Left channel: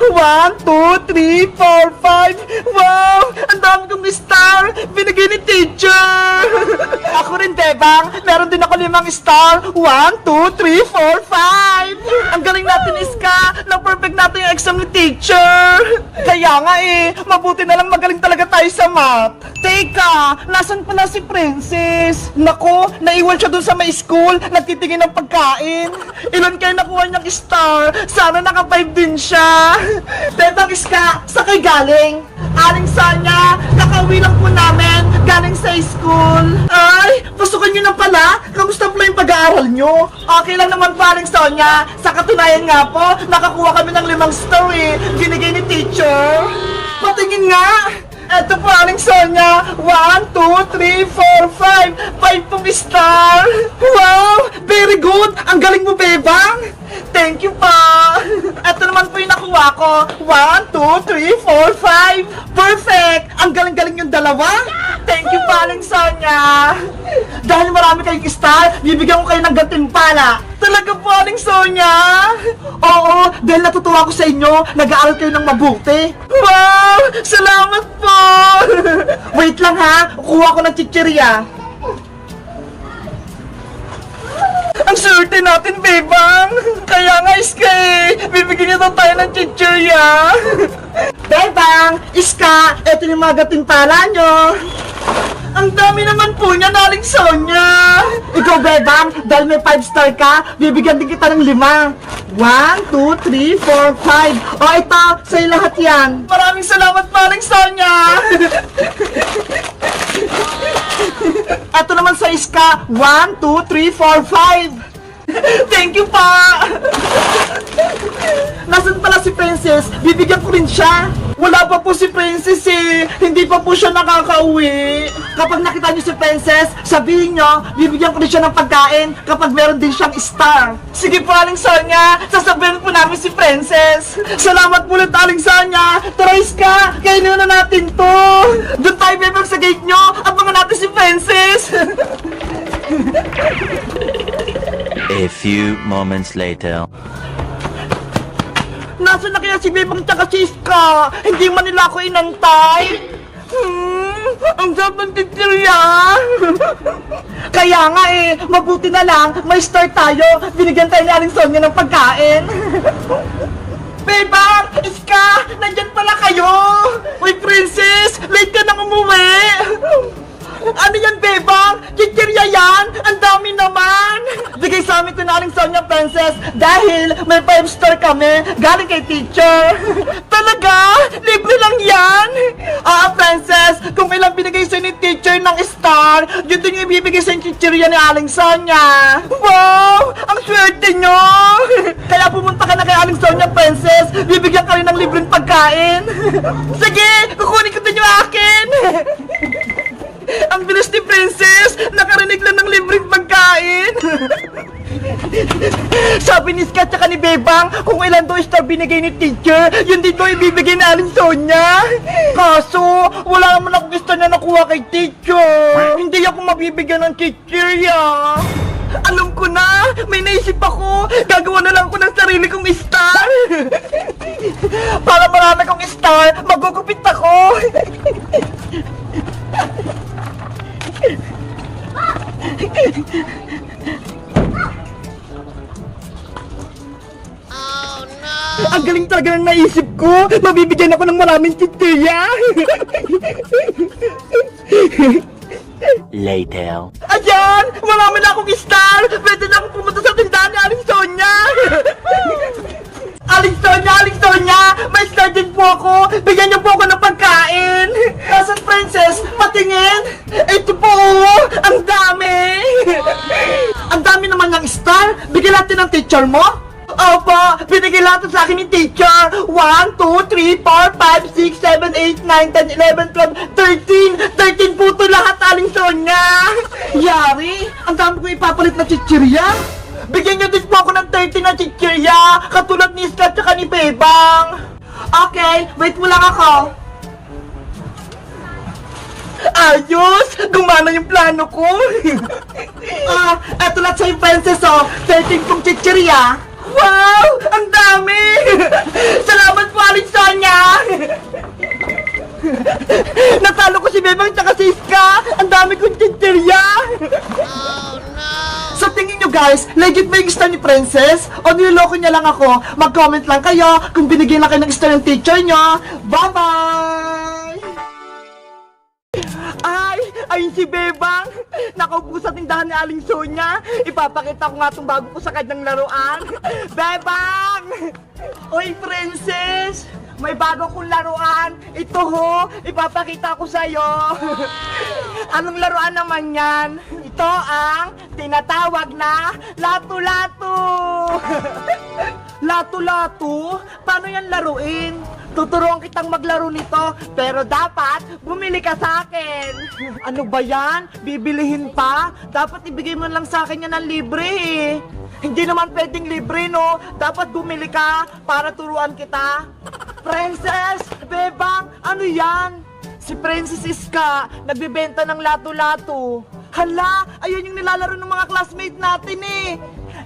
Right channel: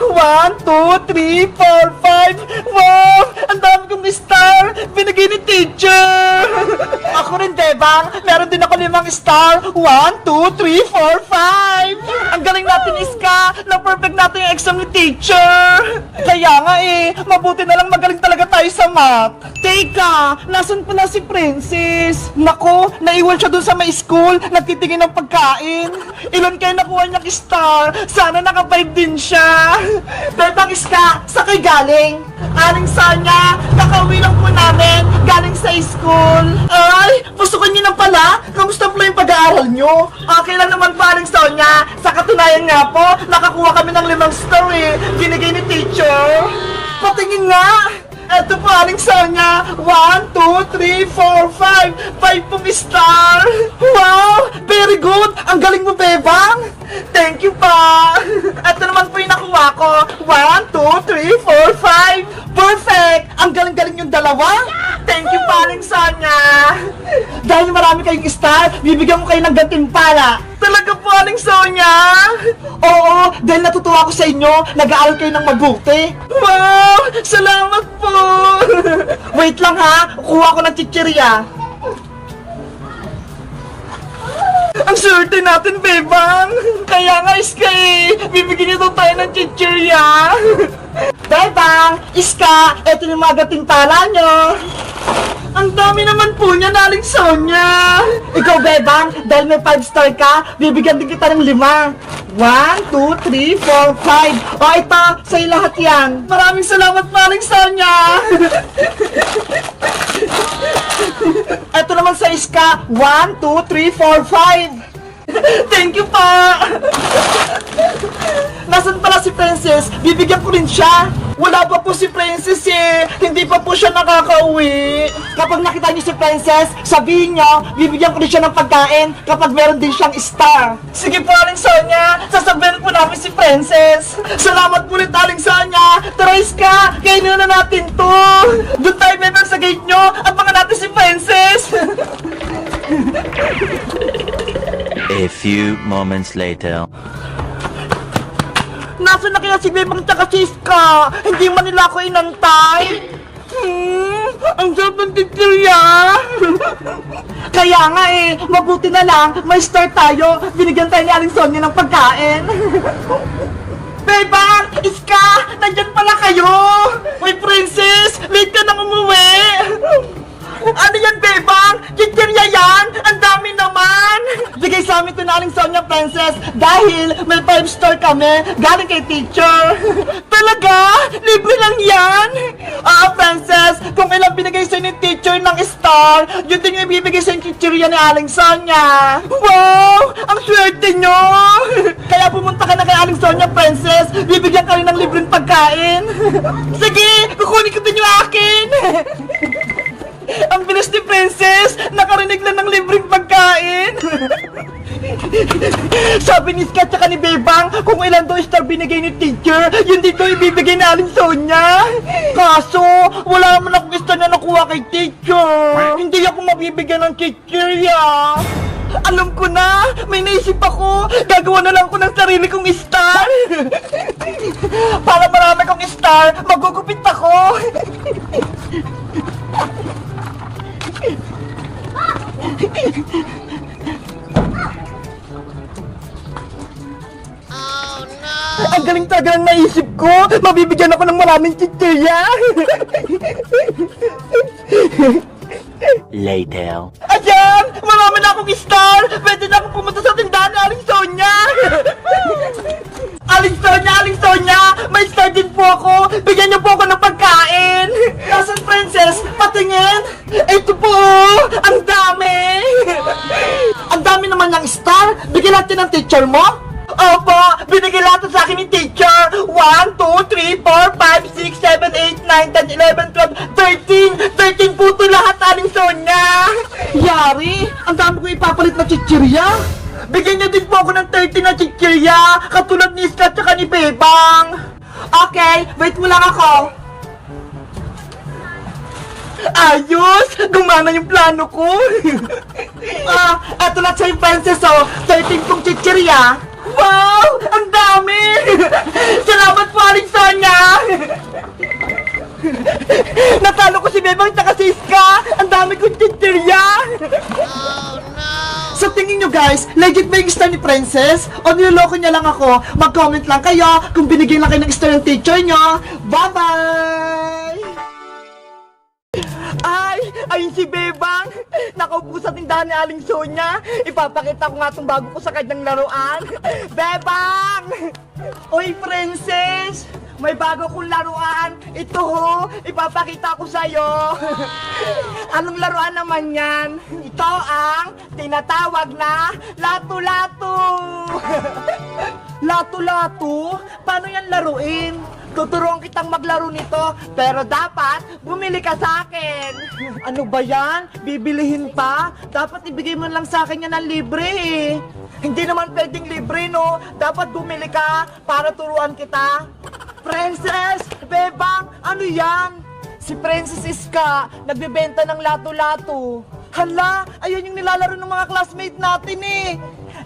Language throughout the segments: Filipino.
1, 2, 3, 4, 5. Wow! Ang dami kong star! Binigay ni teacher! Ako rin, Bebang. Meron din ako 5 star. 1, 2, 3, 4, 5. Ang galing natin, Iska. Na-perfect natin yung exam ni teacher. Kaya nga mabuti na lang magaling talaga tayo sa math. Teka, nasan pala si Princess? Nako, naiwan siya dun sa may school. Nagtitingin ng pagkain. Ilan kayo nakuha niyang star? Sana naka-5 din siya. Bebang Iska, sa kayo galing? Aling Sonia, nakauwi lang po namin. Galing sa school. Ay, pasukan niyo na pala. Kamusta po yung pag-aaral niyo? Okay lang naman po, Aling Sonia. Sa katunayan nga po, nakakuha kami ng 5 star Ginigay ni teacher. Patingin nga. Ito po, Aling Sonia. 1, 2, 3, 4, 5. 5 pong star. Wow! Very good! Ang galing mo, Bebang! Thank you pa! Ito naman po yung nakuha ko. 1, 2, 3, 4, 5. Perfect! Ang galing-galing yung dalawa. Thank you pa, Aling Sonia. Dahil marami kayong star, bibigyan ko kayo ng gantimpala. Talaga po, Aling Sonia? Oo, dahil natutuwa ko sa inyo, nag-aaral kayo ng mabuti. Wow! Salamat po! Wait lang ha, kuha ko ng chichirya. Ang swerte natin, Bebang! Kaya nga, Iska bibigyan niyo daw tayo ng chichirya. Bebang! Iska, eto yung mga gatimpala nyo. Ang dami naman po niya, Aling Sonia. Ikaw, Bebang, dahil may 5 star ka, bibigyan din kita ng 5. 1, 2, 3, 4, 5. O, ito, sa'yo lahat yan. Maraming salamat po, Aling Sonia. Ito naman sa Iska. 1, 2, 3, 4, 5. Thank you pa! Nasaan pala si Princess? Bibigyan ko rin siya. Wala pa po si Princess Hindi pa po siya nakakauwi. Kapag nakita niyo si Princess, sabihin niyo, bibigyan ko rin siya ng pagkain kapag meron din siyang star. Sige po, Aling Sonia. Sasabihin po namin si Princess. Salamat po ulit, Aling Sonia. Tara, Iska, kainin na natin to. Doon tayo, Bebang, sa gate niyo. Abangan natin si Princess. A few moments later. Nasaan na kaya si Bebang tsaka si Iska? Hindi man nila ako inantay. Ang sarap ng chichirya. Kaya nga mabuti na lang, may star tayo. Binigyan tayo ni Aling Sonia ng pagkain. Bebang! Iska! Nandyan pala kayo! Uy, Princess! Late ka nang umuwi! Ano yan, Bebang? Chichirya yan? Ang dami naman! Bigay sa amin ito na Aling Sonia, Princess, dahil may 5 star kami galing kay teacher. Talaga? Libre lang yan? Princess, kung ilang binigay sa ni teacher ng star, yun din yung ibibigay sa chichirya ni Aling Sonia. Wow! Ang swerte nyo! Kaya pumunta ka na kay Aling Sonia, Princess, bibigyan ka rin ng libreng pagkain. Sige, kukunin ko din yung akin. Ang bilis ni Princess! Nakarinig lang ng libreng pagkain! Sabi ni Iska tsaka ni Bebang, kung ilan daw star binigay ni teacher, yun dito ibibigay ni Aling Sonia. Kaso, wala naman akong star na nakuha kay teacher. Hindi ako mabibigyan ng teacher Alam ko na! May naisip ako! Gagawa na lang ko ng sarili kong star! Para marami kong star, magugupit ako! Oh no! Ang galing talaga ng naisip ko! Mabibigyan ako ng maraming chichirya! Later. Ayan! Marami na akong star! Pwede na akong pumunta sa tindahan ni Aling Sonia! Aling Sonia! Aling Sonia! May star din po ako! Bigyan niyo po ako ng pagkain! Nasaan, Princess? Patingin! Ito po! Ang dami! Ang dami naman ng star! Bigyan natin ng teacher mo! Opo, binigay lahat sa akin ni teacher. 1, 2, 3, 4, 5, 6, 7, 8, 9, 10, 11, 12, 13. 13 po ito lahat, Aling Sonia. Yari, ang dami ko ipapalit na chichirya. Bigyan niyo din po ako ng 13 na chichirya, katulad ni Iska at ni Bebang. Okay, wait mo lang ako. Ayos! Gumana yung plano ko! Eto lang sa'yo, Princess, 13 kong chichirya. Wow! Ang dami! Salamat po, Aling Natalo ko si Bebang tsaka si Iska! Ang dami kong tinterya! Oh no! Sa tingin nyo guys, legit ba yung star ni Princess? O niloloko niya lang ako? Mag-comment lang kayo kung binigyan lang kayo ng star ng teacher nyo. Bye-bye! Ay, ayun si Bebang! Nakaupo sa tindahan ni Aling Sonia. Ipapakita ko nga itong bago ko sa kanyang laruan. Bebang! Oy, Princess! May bago kong laruan. Ito ho, ipapakita ko sa'yo. Anong laruan naman yan? Ito ang tinatawag na lato-lato. Lato-lato? Paano yan laruin? Tuturuan kitang maglaro nito, pero dapat bumili ka sa akin. Ano ba yan? Bibilihin pa? Dapat ibigay mo lang sa akin yan ng libre eh. Hindi naman pwedeng libre, no? Dapat bumili ka para turuan kita. Princess! Bebang! Ano yan? Si Princess Iska, nagbebenta ng lato-lato. Hala! Ayun yung nilalaro ng mga classmate natin eh.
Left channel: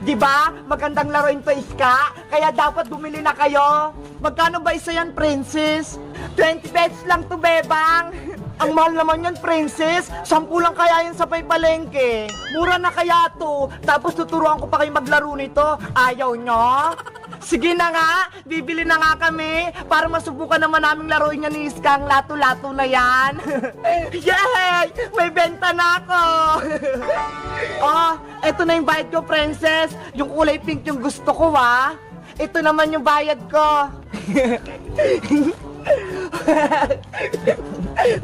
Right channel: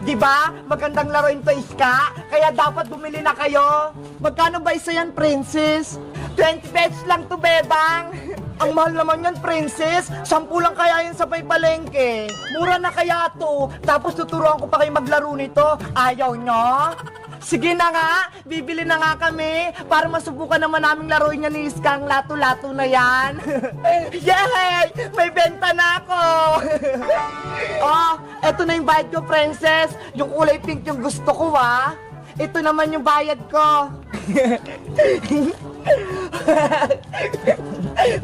Diba? Magandang laruin to, Iska. Kaya dapat bumili na kayo. Magkano ba isa yan, Princess? 20 pesos lang to, Bebang. Ang mahal naman yan, Princess. 10 lang kaya yan sa palengke. Mura na kaya to. Tapos tuturuan ko pa kayo maglaro nito. Ayaw nyo? Sige na nga, bibili na nga kami para masubukan naman naming laruin niya ni Iska ang lato-lato na yan. Yay! May benta na ako! Oh, eto na yung bayad ko, Princess. Yung kulay pink yung gusto ko, ah. Ito naman yung bayad ko.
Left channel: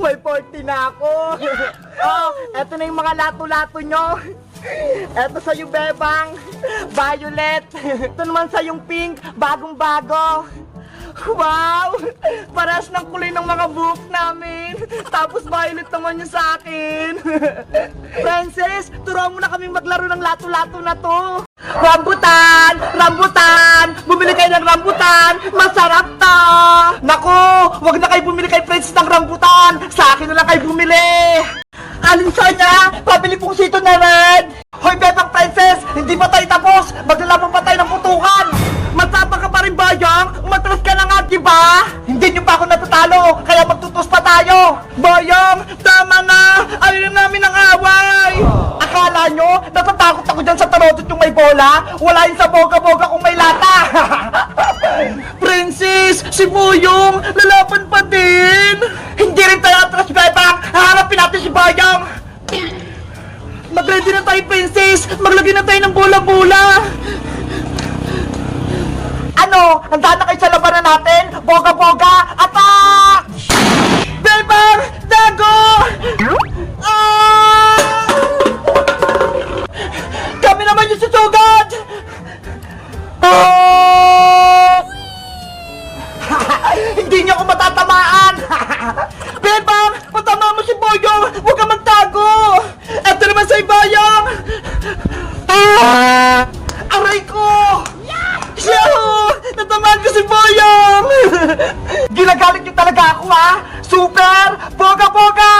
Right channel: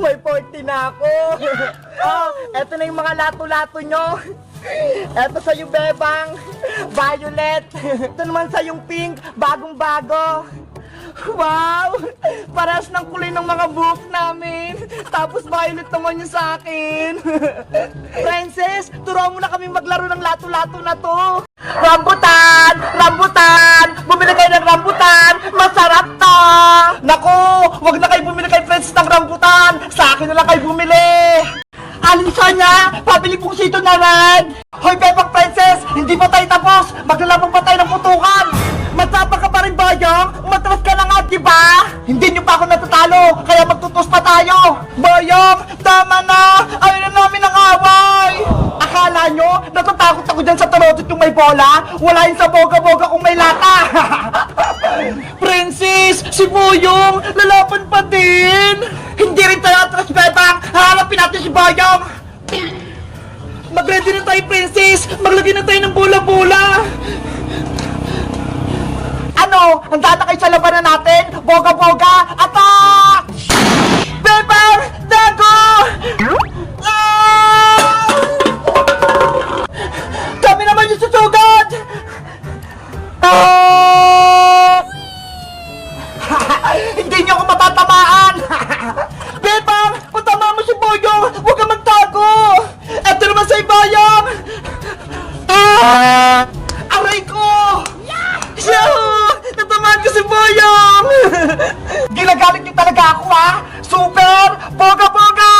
May 40 na ako. Oh, eto na yung mga lato-lato nyo. Eto sa yung Bebang, violet. Ito naman sa yung pink, bagong-bago. Wow! Parehas ng kulay ng mga buhok namin. Tapos violet naman yung sa akin. Princess, turuan mo na kaming maglaro ng lato-lato na to. Rambutan! Rambutan! Bumili kayo ng rambutan! Masarap to! Naku! Wag na kayo bumili kay Princess ng rambutan! Sa akin na lang kayo bumili! Aling Sonia! Pabili pong sito na red! Hoy, Bebang Princess! Hindi pa tayo tapos! Maglalaban pa tayo ng putukan! Matsapa ka pa rin, Bayang! Umatras ka na nga, diba? Hindi nyo pa ako natatalo! Kaya magtutos pa tayo! Bayang! Tama na! Ayaw na namin ang away! Akala nyo? Natatakot ako dyan sa tarotot yung may bola? Wala yung sa boga-boga kung may lata! Princess! Si Boyong! Lalaban pa din! Hindi rin tayo atras, Bebang! Haharapin natin si Bayang! Mag-ready na tayo, Princess! Maglagay na tayo ng bola-bola! Ano? Handa na kayo sa labanan natin? Boga-boga! Attack! Bebang! Dago! Ah! Kami naman yung susugod! Oh! Hindi niyo ako matatamaan! Bebang! Patama mo si Boyong! Huwag ka magtago! Eto naman sa Bayang! Aray ko! Yahoo! Natamaan ko si Boyong! Ginagalit niyo talaga ako, ha? Super! Boga-boga!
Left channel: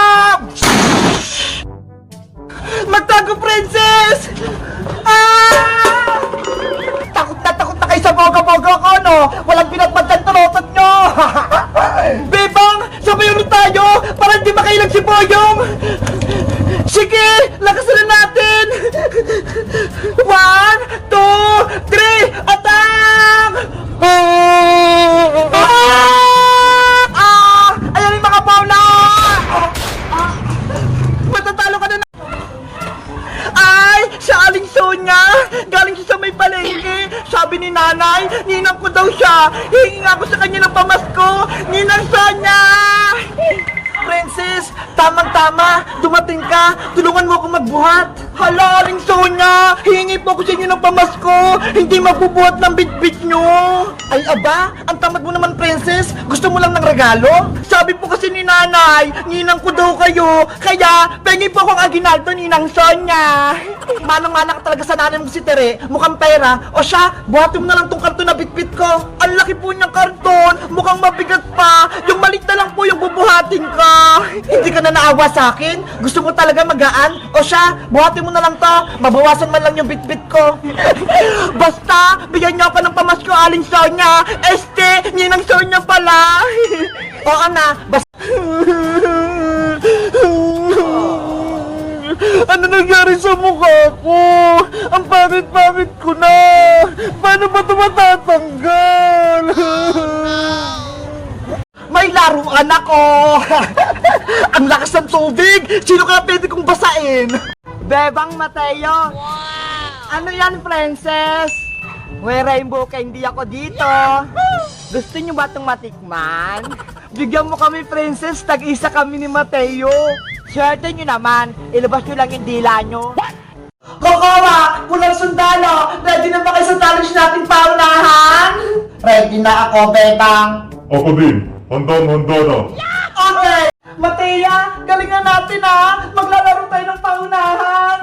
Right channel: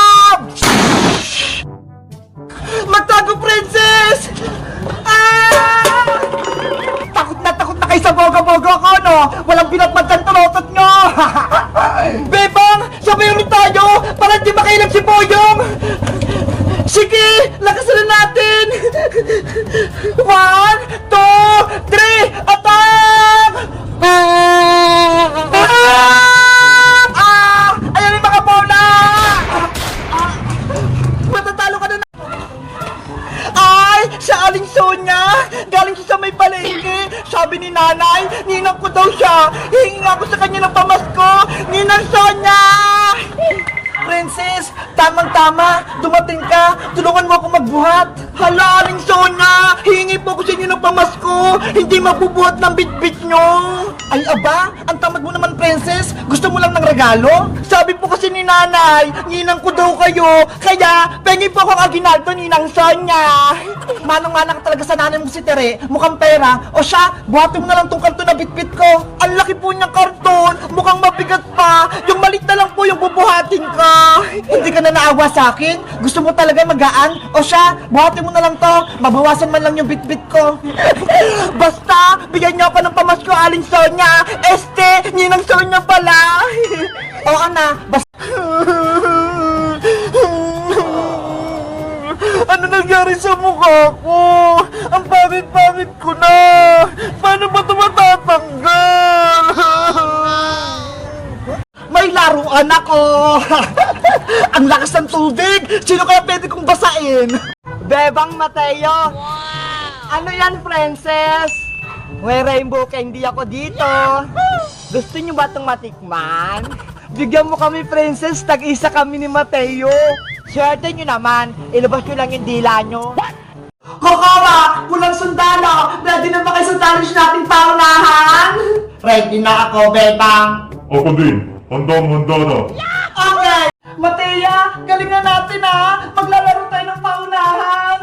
Magtago, Princess! Ah! Takot na kayo sa boga-boga ko, no? Walang pinagpagkan tarotot nyo! Bebang! Sabayon na tayo! Para di makailag si Boyong! Sige! Lakasan na natin! 1, 2, 3! Attack! Ayan yung mga bola! Matatalo ka na na! Ay! Siya Aling Sonia! Galing siya sa may palengke! Sabi ni nanay, ninang ko daw siya! Hihingi nga ako sa kanya ng pamasko! Ninang Sonia! Princess, tamang-tama, dumating ka, tulungan mo ako magbuhat. Hala, Aling Sonia, hihingi po ako sa inyo ng pamasko, hindi magbubuhat ng bitbit nyo. Ay aba, ang tamad mo naman, Princess, gusto mo lang ng regalo? Sabi po kasi ni nanay, ninang ko daw kayo, kaya pengi po akong aginaldo, Ninang Sonia. Manang-mana ka talaga sa nanay mo si Tere, mukhang pera, o siya, buhatin mo na lang tong karton na bitbit ko. Ang laki po niyang karton, mukhang mabigat pa, yung malit na lang po yung bubuhatin ko. Hindi ka na naawa sa akin? Gusto mo talaga magaan? O siya, buhatin mo na lang to. Mabawasan man lang yung bitbit ko. Basta, bigyan niyo pa ng pamasko, Aling Sonia. Ninang Sonia pala. na. Ano nangyari sa mukha ko? Ang pangit-pangit ko na. Paano ba ito matatanggal? May laruan ako. Ang lakas ng tubig. Sino kaya pwede kong basain? Bebang Mateo! Ano yan, princess? May rainbow candy ako dito. Gusto niyo ba itong matikman? Bigyan mo kami, princess. Tag-isa kami ni Mateo. Swerte niyo naman. Ilabas niyo lang yung dila niyo. Kokowa, pulang sundalo. Ready na ba kayo sa challenge nating paunahan? Ready na ako, Bebang. Ako din. Handa na. Okay. Mateya, galingan natin ha. Maglalaro tayo ng paunahan.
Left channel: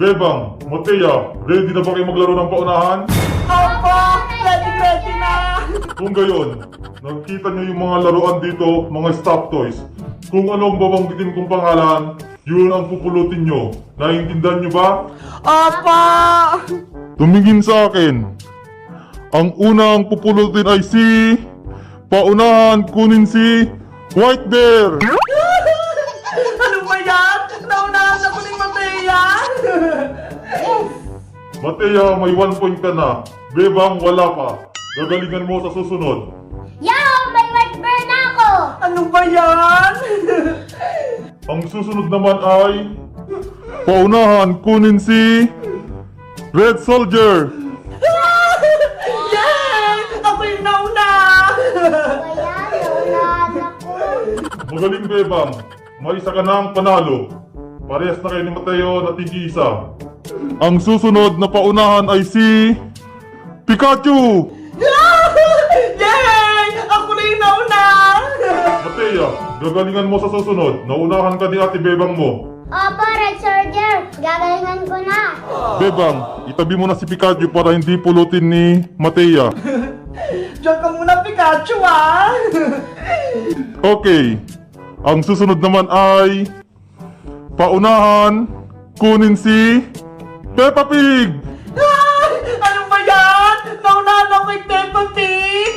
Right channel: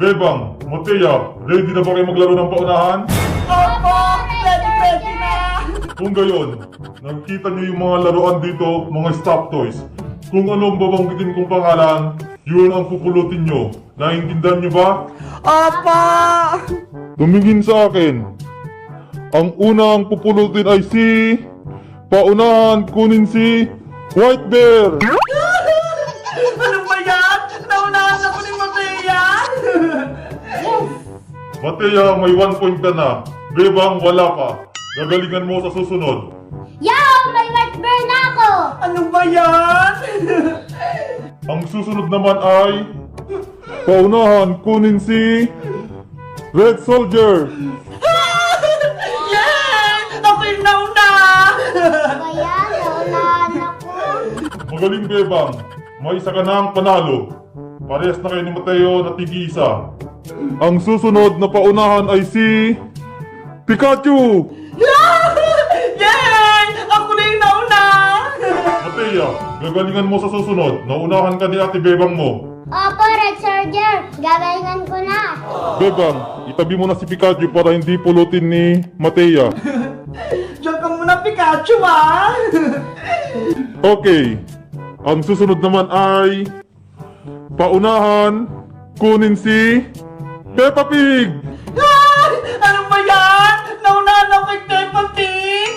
Bebang, Matea, ready na ba kayo maglaro ng paunahan? Opo, ready na. Kung gayon, nakikita niyo yung mga laruan dito, mga stop toys. Kung anong babanggitin kong pangalan, yun ang pupulutin nyo. Naiintindihan nyo ba? Opo. Tumingin sa akin. Ang unang pupulutin ay si... Paunahan, kunin si... White Bear! Ano ba yan? Naunahan ako ni Mateya. Matea, may 1 point ka na. Bebang, wala pa. Gagalingan mo sa susunod. Yaw! May white bear na ako! Ano ba yan? Ang susunod naman ay... Paunahan, kunin si... Red Soldier! Yay! Ako yung nauna. Kaya naunahan ako. Magaling, Bebang. May isa ka nang panalo. Parehas na kayo ni Mateo na tig-isa. Ang susunod na paunahan ay si... Pikachu! Yay! Ako na yung nauna. Matea, gagalingan mo sa susunod. Naunahan ka ni Ate Bebang mo. Opo, Red Soldier. Gagalingan ko na. Bebang, itabi mo na si Pikachu para hindi pulutin ni Matea. Diyan ka muna, Pikachu, ha? Okay. Ang susunod naman ay... Paunahan, kunin si... Peppa Pig! Ay! Ano ba yan? Naunahan ako kay Peppa Pig.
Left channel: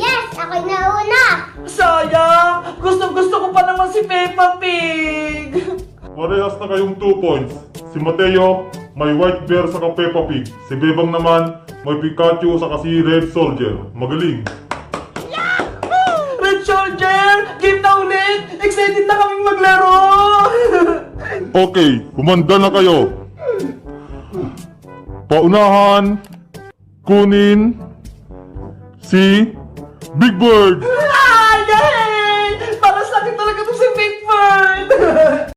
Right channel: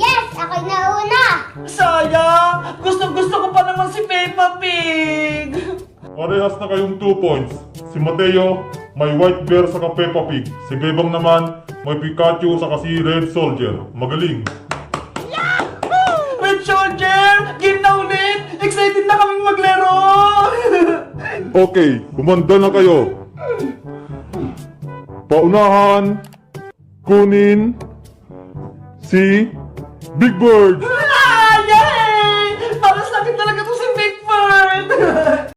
Yes! Ako'y nauna! Sayang! Gusto ko pa naman si Peppa Pig! Parehas na kayong 2 points. Si Mateo, may White Bear sa Peppa Pig. Si Bebang naman, may Pikachu sa si Red Soldier. Magaling. Red Soldier! Game na ulit! Excited na kaming maglaro! Okay, humanda na kayo. Paunahan, kunin si Big Bird.